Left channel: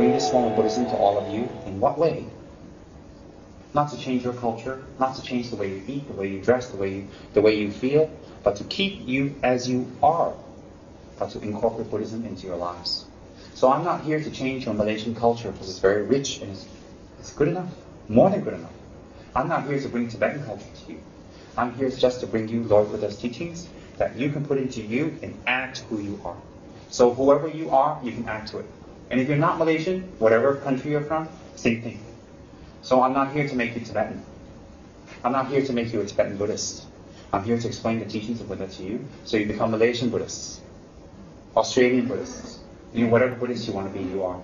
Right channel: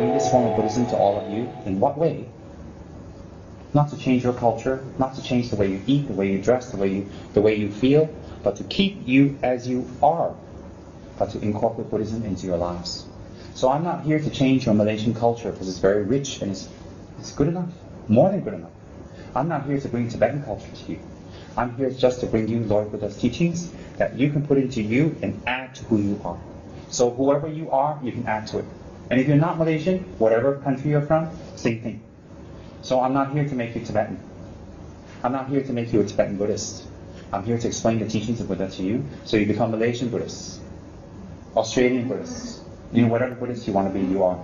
bring this form of Buddhism to all of you. In what way? Not to change your culture, not to change the way you eat, the way you dress, the way you feel, but to keep you as you are, but to incorporate Buddhism into your lives. So I'm not here to change your Malaysian culture because it's very rich and it's good enough, more than good enough. I'm not here to bring Tibetan culture to you. I'm here just to bring you Lord Buddha's teachings that you can put into you and add to who you are. So whoever you are, you can add to it. And if you're not Malaysian, whatever country you're from, same thing. So I'm not here to make you Tibetan. I'm not here to make you a Tibetan Buddhist. I'm here to explain the teachings of Buddha to you so you become Malaysian Buddhists, Australian Buddhists. You know, whatever Buddhist you want to be, you are.